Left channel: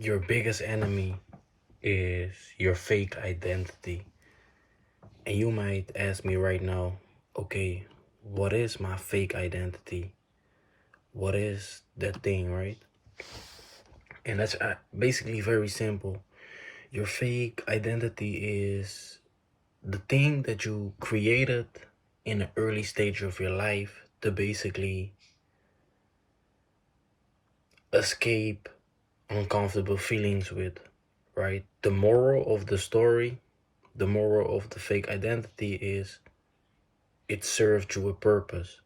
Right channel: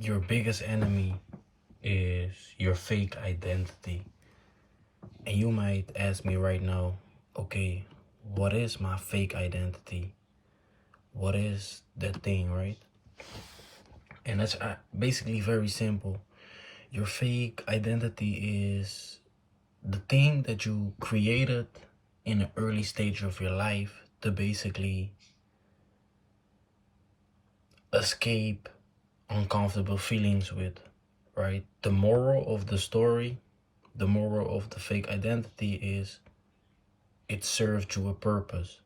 Your biggest enemy is your fake identity. And you might ask me right now, okay, what is my fake identity? What is that thing, right? And that's basically very simple. Your fake identity is the thing that you created in an early stage of your life to basically escape uncomfortable feelings with, right? The moral of the story, the moral of the fake identity is it served you a purpose.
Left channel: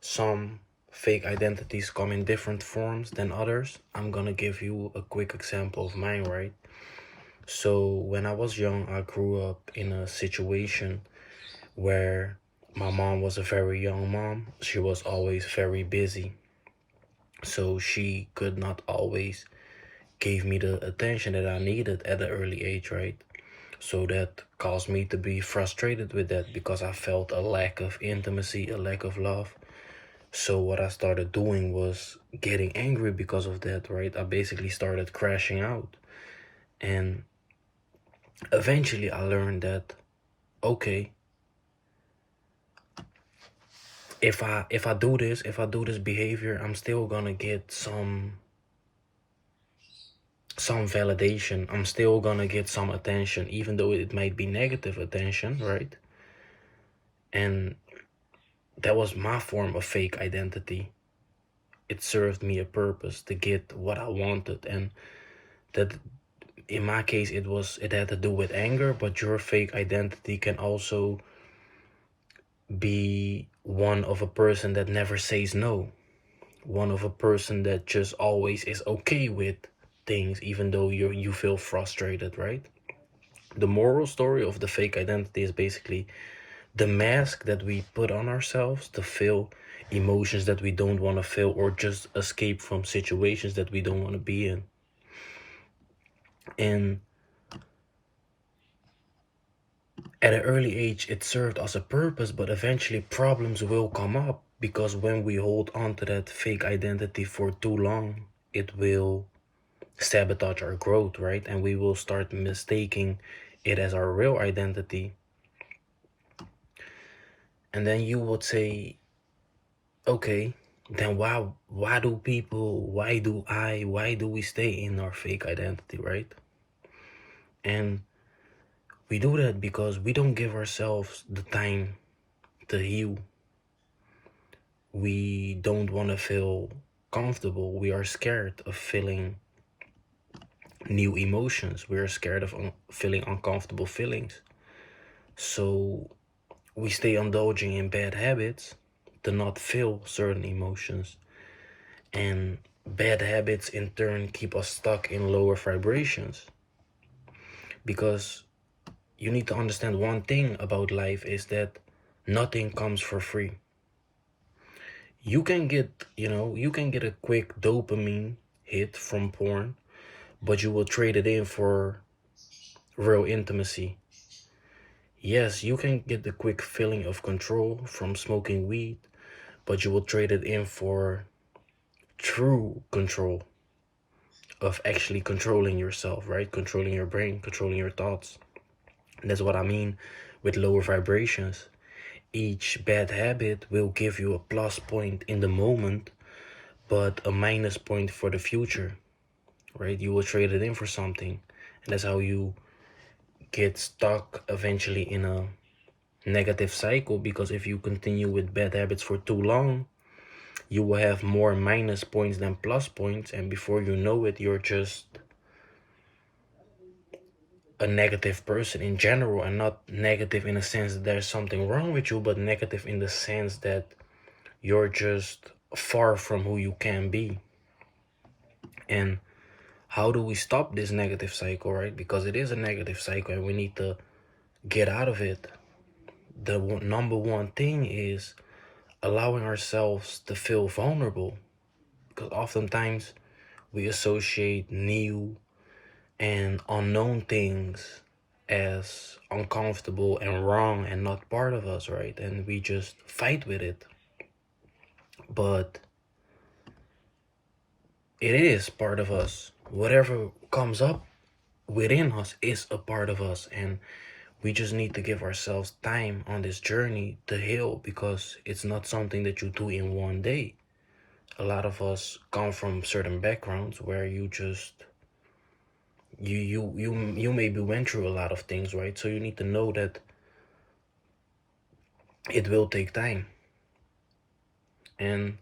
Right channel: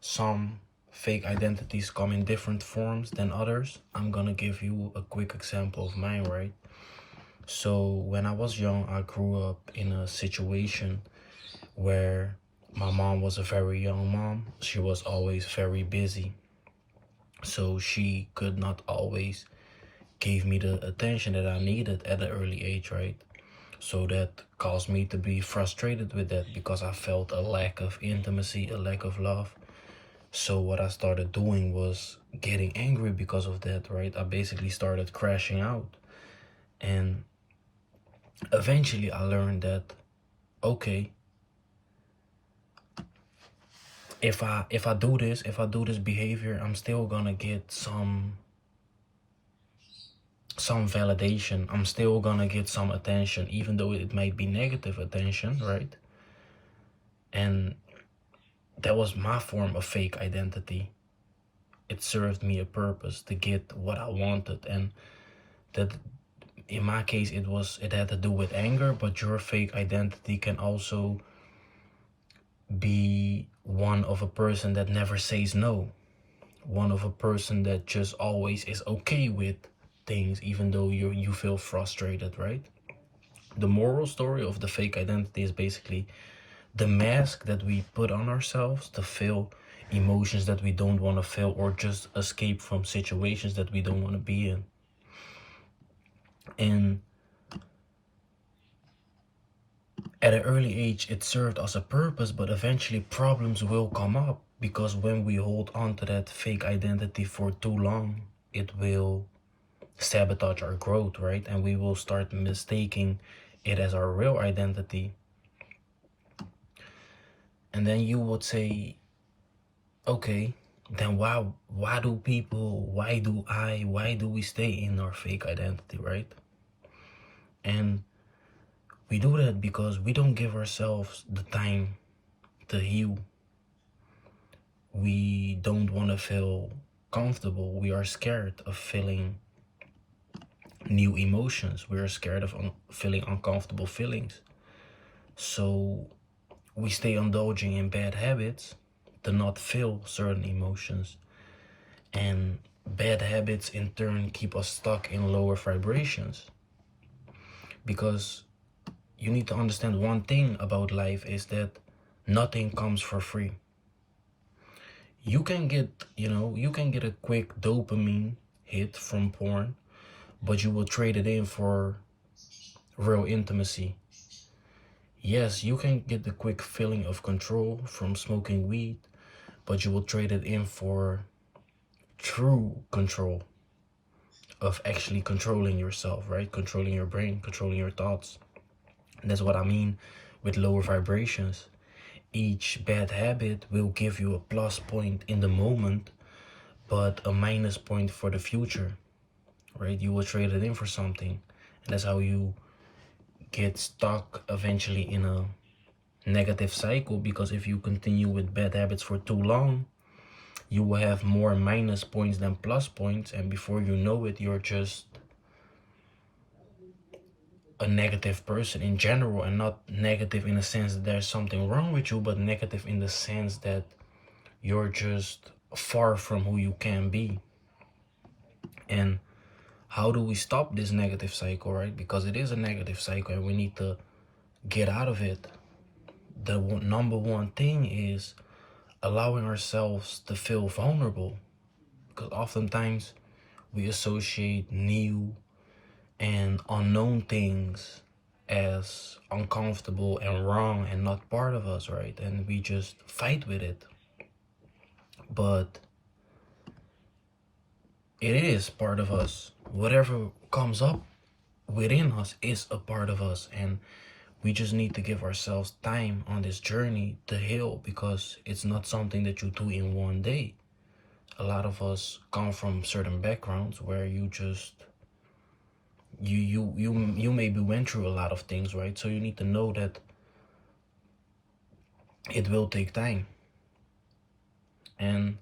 Some fake identities come in different forms than others. I'm gonna give you a quick example of mine, right? So when I was young, I grew up in a situation where my mom was a very young mom. She was always very busy. So she could not always give me the attention that I needed at an early age, right? So that caused me to be frustrated with that because I felt a lack of intimacy, a lack of love. So what I started doing was getting angry because of that, right? I basically started crashing out. And eventually I learned that, okay, if I do this behavior, I'm still gonna get some validation. I'm still gonna get some attention, even though it might be negative attention, right? And that was my form of fake identity. It served me a purpose to get what I wanted. And that, in my case, it had to do with anger, but your fake identity can also be one of a person that never says no, one of a person that just always is okay with things even though you feel frustrated, right? The moral story of the fake identity is basically the mask that we put on ourselves to feel emotions that we don't want to feel, or just escape from situations that we don't want to be in. And at an early age, it served as a purpose, but eventually problems will come up because when we hold on to that fake identity for too long, it will sabotage our growth, right? And we will start mistaking it as our real identity. And then you would say, okay, then why do we stay in our fake identity, right? And we do that because we don't give ourselves the time to heal. We don't want to feel comfortable. We are scared of feeling new emotions. We are scared of feeling uncomfortable feelings. So we stay indulging in bad habits to not feel certain emotions. And bad habits in turn keep us stuck in lower vibrations. Because you need to understand one thing about life is that nothing comes for free. You can get a quick dopamine hit from porn, but you will trade it in for real intimacy. Yes, you can get the quick feeling of control from smoking weed, but you will trade it in for true control of actually controlling yourself, right? Controlling your brain, controlling your thoughts. And that's what I mean with lower vibrations. Each bad habit will give you a plus point in the moment, but a minus point for the future, right? You will trade it in for something. And that's how you get stuck eventually in a negative cycle, because if you continue with bad habits for too long, you will have more minus points than plus points, and before you know it, you're just a negative person in general. And not negative in the sense that there's something wrong with you, but negative in the sense that you're just far from who you can be. And how do we stop this negative cycle, right? Because it is a negative cycle and we need to get out of it. The number one thing is allowing ourselves to feel vulnerable, because oftentimes we associate new and unknown things as uncomfortable and wrong and not part of us, right? And we just fight with it. But it is part of us. whatever comes up within us is a part of us, and we just need to give ourselves time on this journey to heal, because it's not something that you do in one day. A lot of us come from certain backgrounds where you maybe went through a lot of things, right? So you need to know that it will take time, and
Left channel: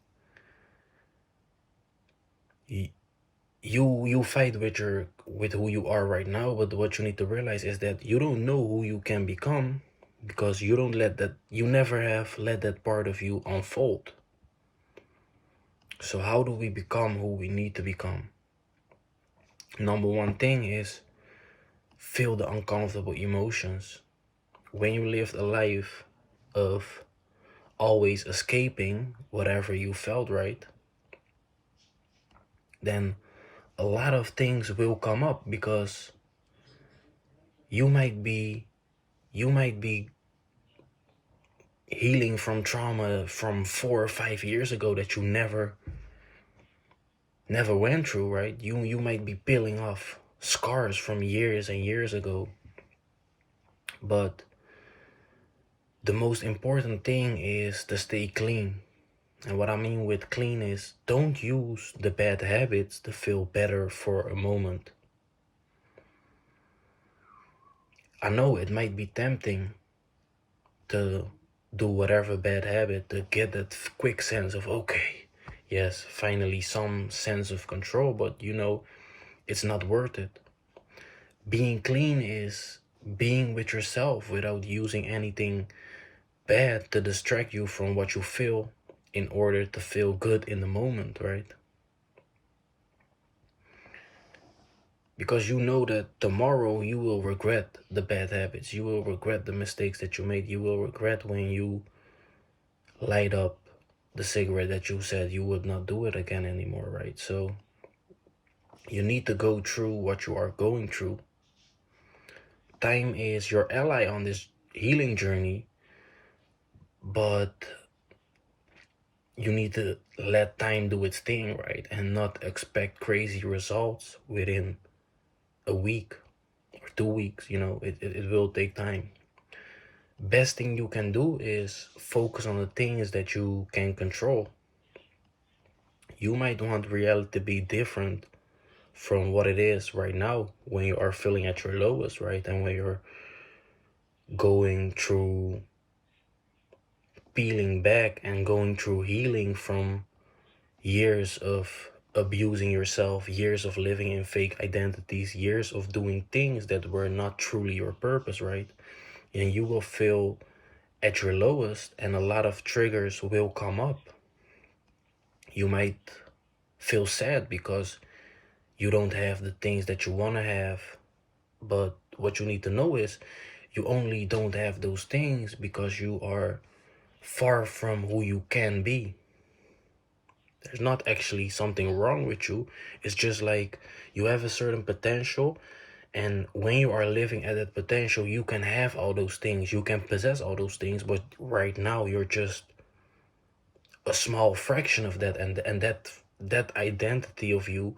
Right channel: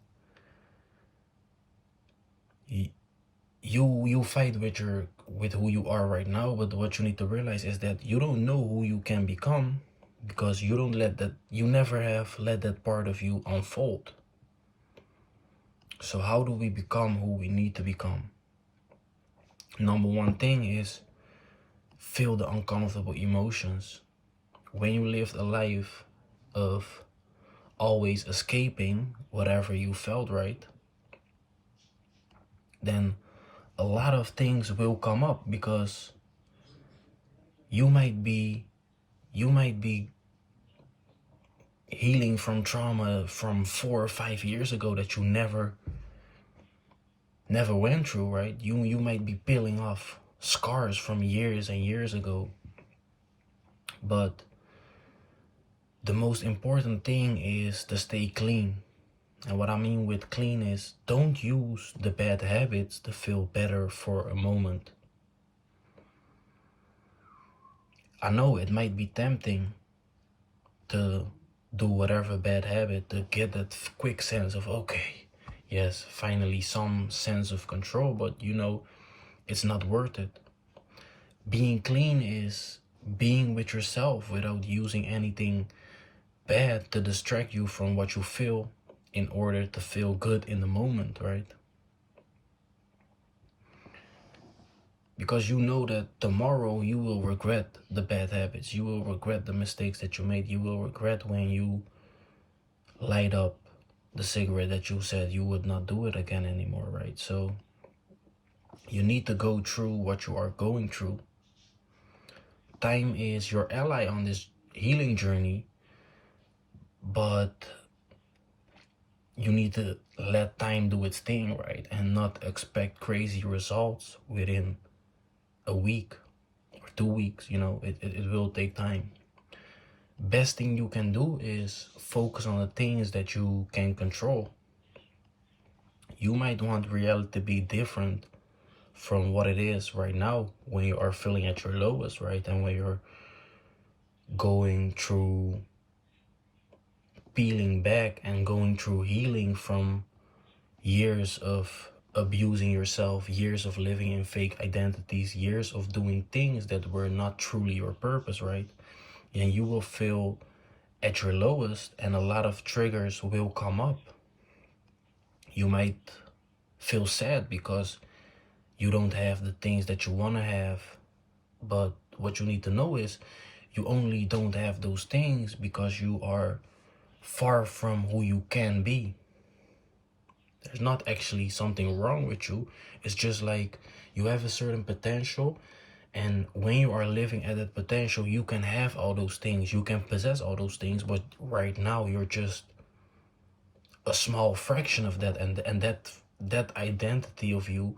you fight with who you are right now. But what you need to realize is that you don't know who you can become, because you never have let that part of you unfold. So how do we become who we need to become? Number one thing is feel the uncomfortable emotions. When you lived a life of always escaping whatever you felt, right, then a lot of things will come up, because you might be healing from trauma from 4 or 5 years ago that you never went through, right? You might be peeling off scars from years and years ago. But the most important thing is to stay clean. And what I mean with clean is, don't use the bad habits to feel better for a moment. I know it might be tempting to do whatever bad habit to get that quick sense of, okay, yes, finally some sense of control, but it's not worth it. Being clean is being with yourself without using anything bad to distract you from what you feel in order to feel good in the moment, right? Because you know that tomorrow you will regret the bad habits. You will regret the mistakes that you made. You will regret when you light up the cigarette that you said you would not do it again anymore, right? So you need to go through what you are going through. Time is your ally on this healing journey, but you need to let time do its thing, right? And not expect crazy results within a week or 2 weeks. It will take time. Best thing you can do is focus on the things that you can control. You might want reality to be different from what it is right now when you are feeling at your lowest, right? And when you're going through peeling back and going through healing from years of abusing yourself, years of living in fake identities, years of doing things that were not truly your purpose, right? And you will feel at your lowest, and a lot of triggers will come up. You might feel sad because you don't have the things that you want to have. But what you need to know is, you only don't have those things because you are far from who you can be. There's not actually something wrong with you. It's just like you have a certain potential, and when you are living at that potential, you can have all those things. You can possess all those things, but right now you're just a small fraction of that, and that identity of you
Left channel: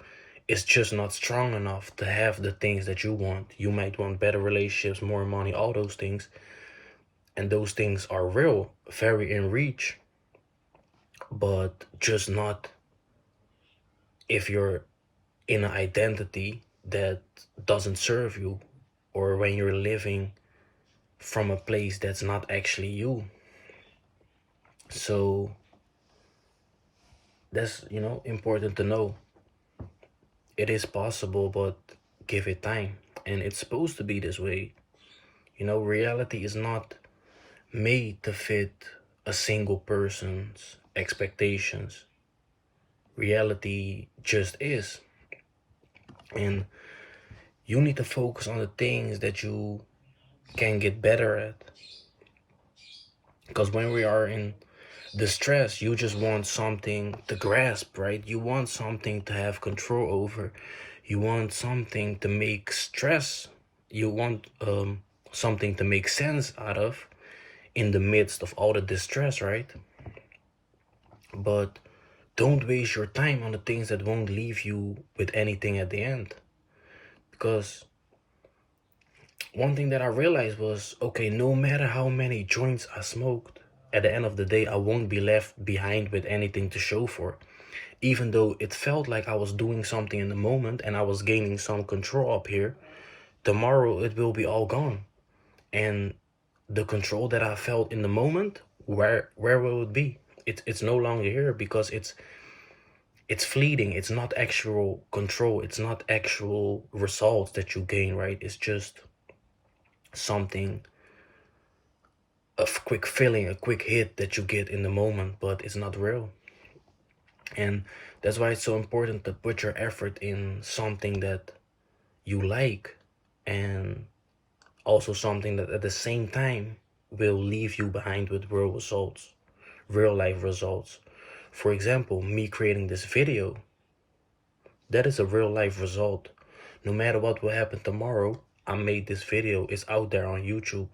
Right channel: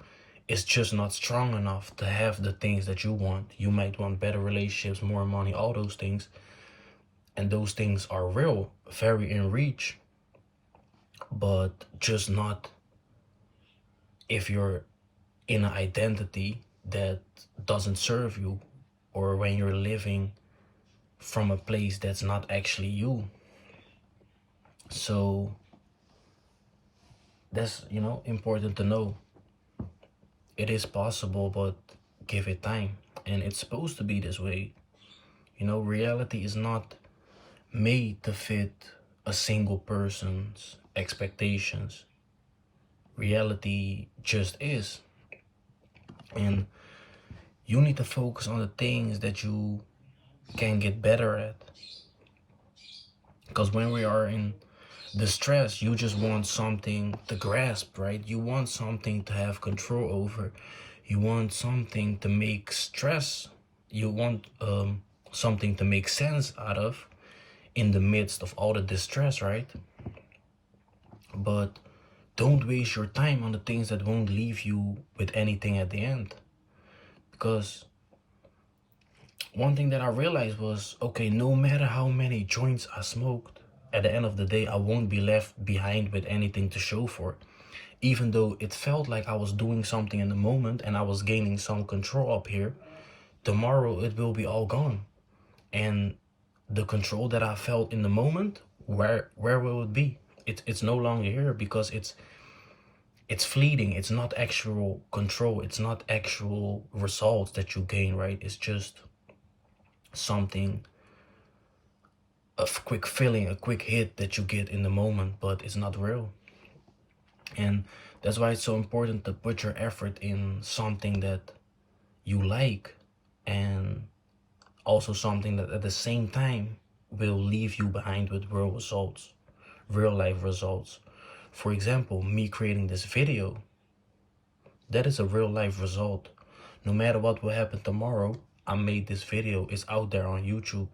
is just not strong enough to have the things that you want. You might want better relationships, more money, all those things, and those things are real, very in reach, but just not if you're in an identity that doesn't serve you, or when you're living from a place that's not actually you. So that's important to know. It is possible, but give it time, and it's supposed to be this way. Reality is not made to fit a single person's expectations. Reality just is. And you need to focus on the things that you can get better at. Because when we are in distress, you just want something to grasp, right? You want something to have control over. You want something to make stress. You want something to make sense out of in the midst of all the distress, right? But don't waste your time on the things that won't leave you with anything at the end. Because one thing that I realized was, okay, no matter how many joints I smoked, at the end of the day, I won't be left behind with anything to show for. Even though it felt like I was doing something in the moment and I was gaining some control up here, tomorrow it will be all gone. And the control that I felt in the moment, where will it be? It's no longer here, because it's fleeting. It's not actual control. It's not actual results that you gain, right? It's just something, a quick feeling, a quick hit that you get in the moment, but it's not real. And that's why it's so important to put your effort in something that you like, and also something that at the same time will leave you behind with real results, real life results. For example, me creating this video, that is a real life result. No matter what will happen tomorrow, I made this video, it's out there on YouTube.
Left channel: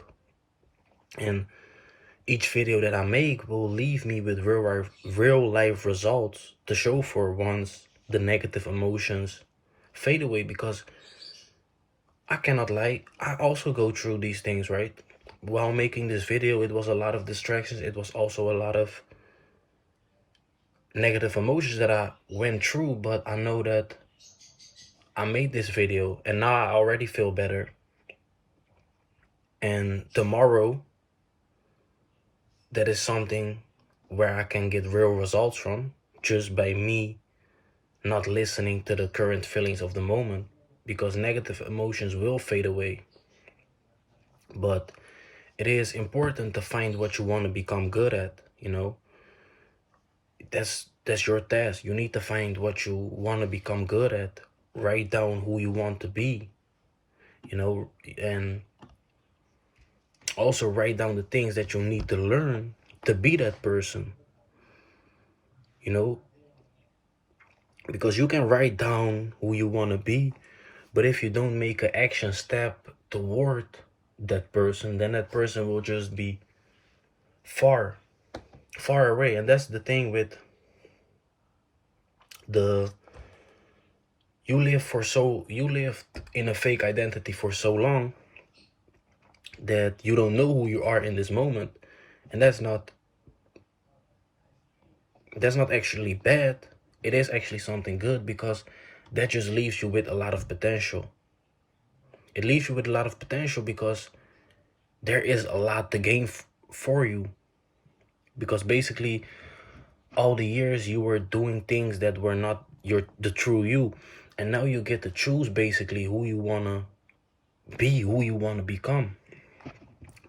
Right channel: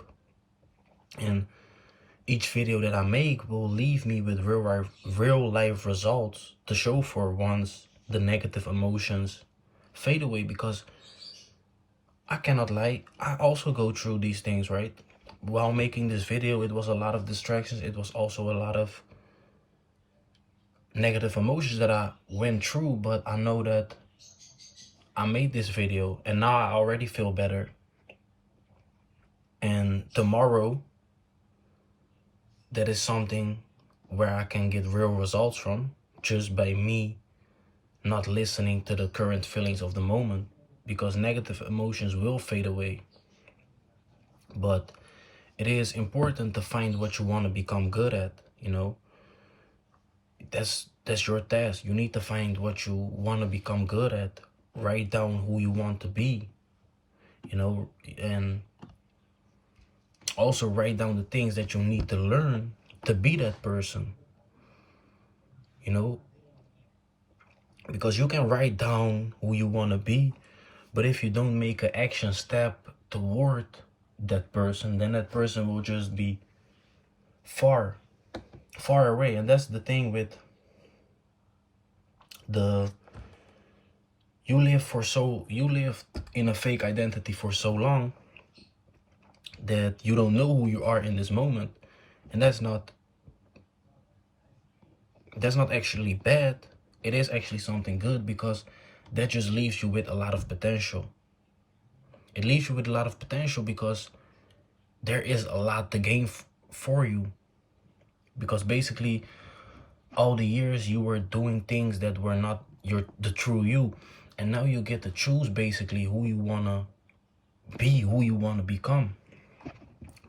And each video that I make will leave me with real life results to show for once the negative emotions fade away. Because I cannot lie, I also go through these things, right? While making this video, it was a lot of distractions. It was also a lot of negative emotions that I went through, but I know that I made this video and now I already feel better. And tomorrow, that is something where I can get real results from, just by me not listening to the current feelings of the moment, because negative emotions will fade away. But it is important to find what you want to become good at, you know. That's your task. You need to find what you want to become good at. Write down who you want to be, you know, and also write down the things that you need to learn to be that person, you know. Because you can write down who you want to be, but if you don't make an action step toward that person, then that person will just be far away. And that's the thing with you live in a fake identity for so long that you don't know who you are in this moment. And that's not actually bad. It is actually something good, because that just leaves you with a lot of potential. It leaves you with a lot of potential because there is a lot to gain for you. Because basically all the years you were doing things that were not the true you, and now you get to choose basically who you want to be, who you want to become.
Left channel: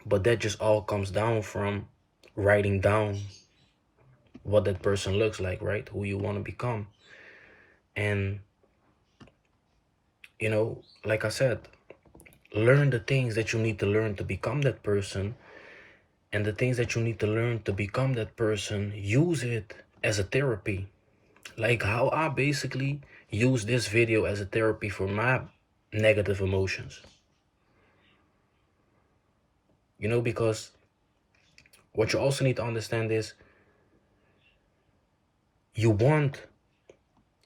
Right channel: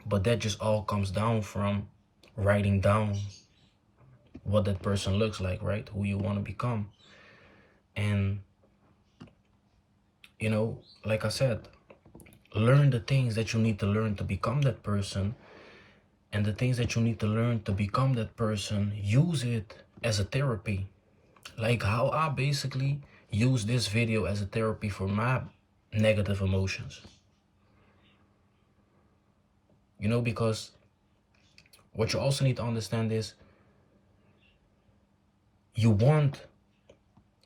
But that just all comes down from writing down what that person looks like, right? Who you want to become. And, you know, like I said, learn the things that you need to learn to become that person. And the things that you need to learn to become that person, use it as a therapy. Like how I basically use this video as a therapy for my negative emotions. You know, because what you also need to understand is you want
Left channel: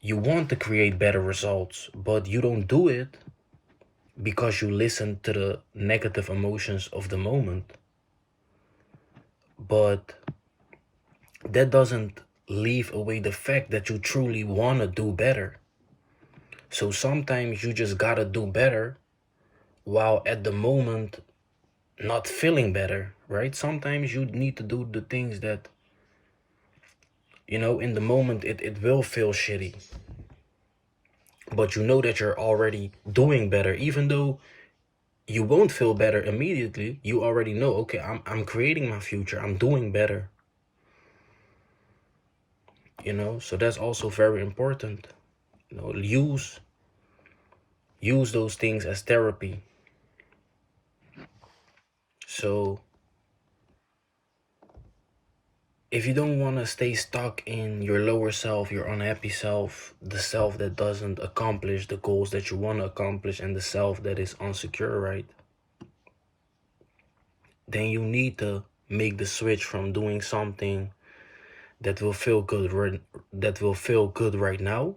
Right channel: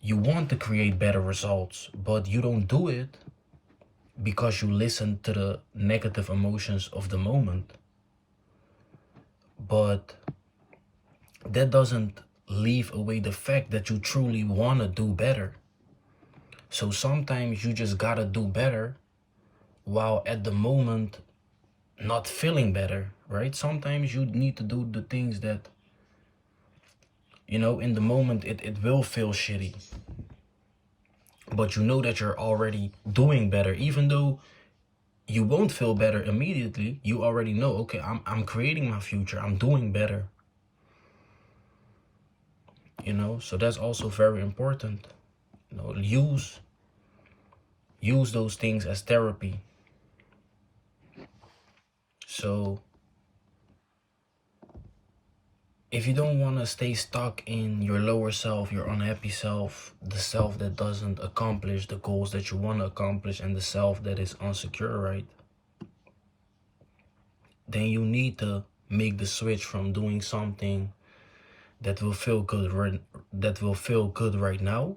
to create better results, but you don't do it because you listen to the negative emotions of the moment. But that doesn't leave away the fact that you truly want to do better. So sometimes you just gotta do better while at the moment not feeling better, right? Sometimes you need to do the things that, you know, in the moment it will feel shitty. But you know that you're already doing better. Even though you won't feel better immediately, you already know, okay, I'm creating my future. I'm doing better. You know, so that's also very important. You know, use those things as therapy. So if you don't want to stay stuck in your lower self, your unhappy self, the self that doesn't accomplish the goals that you want to accomplish, and the self that is insecure, right? Then you need to make the switch from doing something that will feel good right now,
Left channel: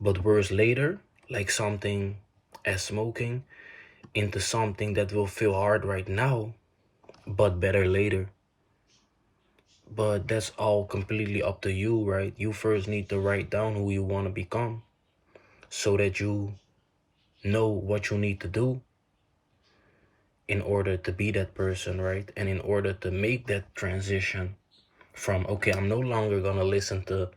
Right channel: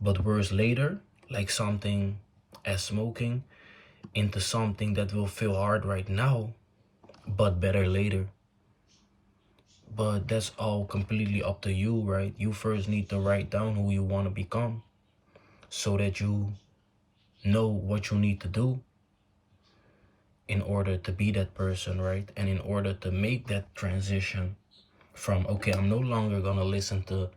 but worse later, like something as smoking, into something that will feel hard right now, but better later. But that's all completely up to you, right? You first need to write down who you want to become so that you know what you need to do in order to be that person, right? And in order to make that transition from, okay, I'm no longer going to listen to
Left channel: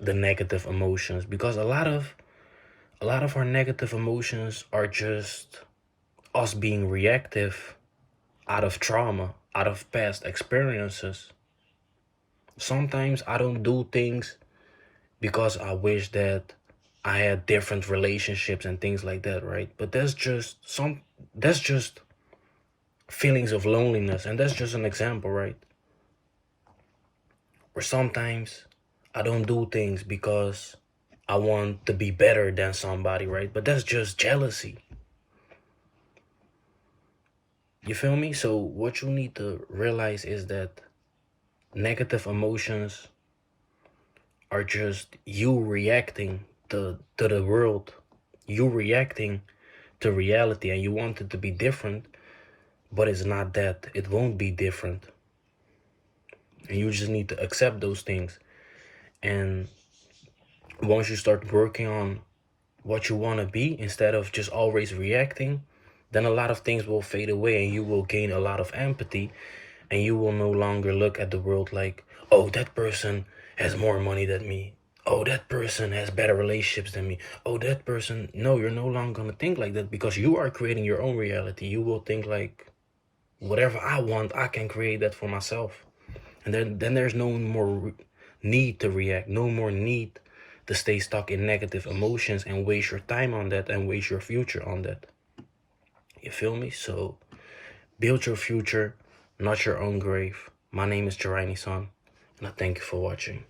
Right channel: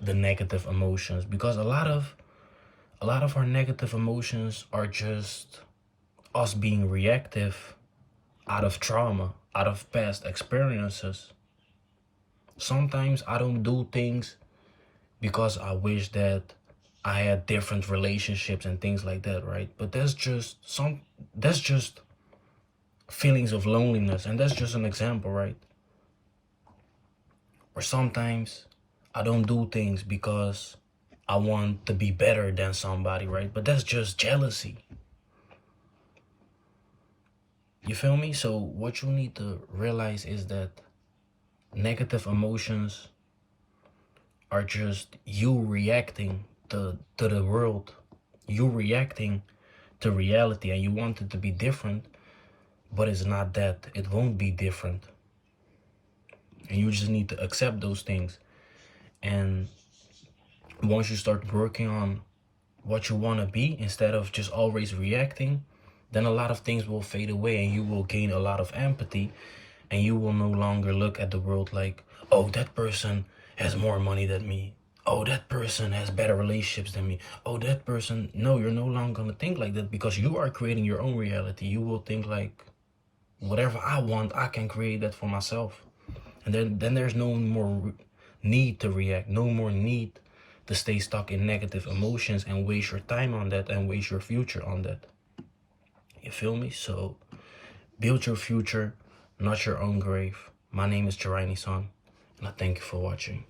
the negative emotions, because a lot of our negative emotions are just us being reactive out of trauma, out of past experiences. Sometimes I don't do things because I wish that I had different relationships and things like that, right? But that's just feelings of loneliness, and that's just an example, right? Or sometimes I don't do things because I want to be better than somebody, right? But that's just jealousy. You feel me? So what you need to realize is that negative emotions are just you reacting to the world. You reacting to reality, and you want it to be different, but it's not that. It won't be different. And you just need to accept those things. And once you start working on what you want to be instead of just always reacting, then a lot of things will fade away and you will gain a lot of empathy, and you will no longer look at the world like, oh, that person has more money than me. Oh, that person has better relationships than me. Oh, that person. No, you're no longer going to think like that, because you are creating your own reality. You will think like, whatever I want, I can create that for myself. And then there's no more need to react, no more need to stay stuck in negative emotions and waste your time on that and waste your future on that. You feel me? So build your future, not your own grave. My name is Jeraini Son, and I thank you for watching.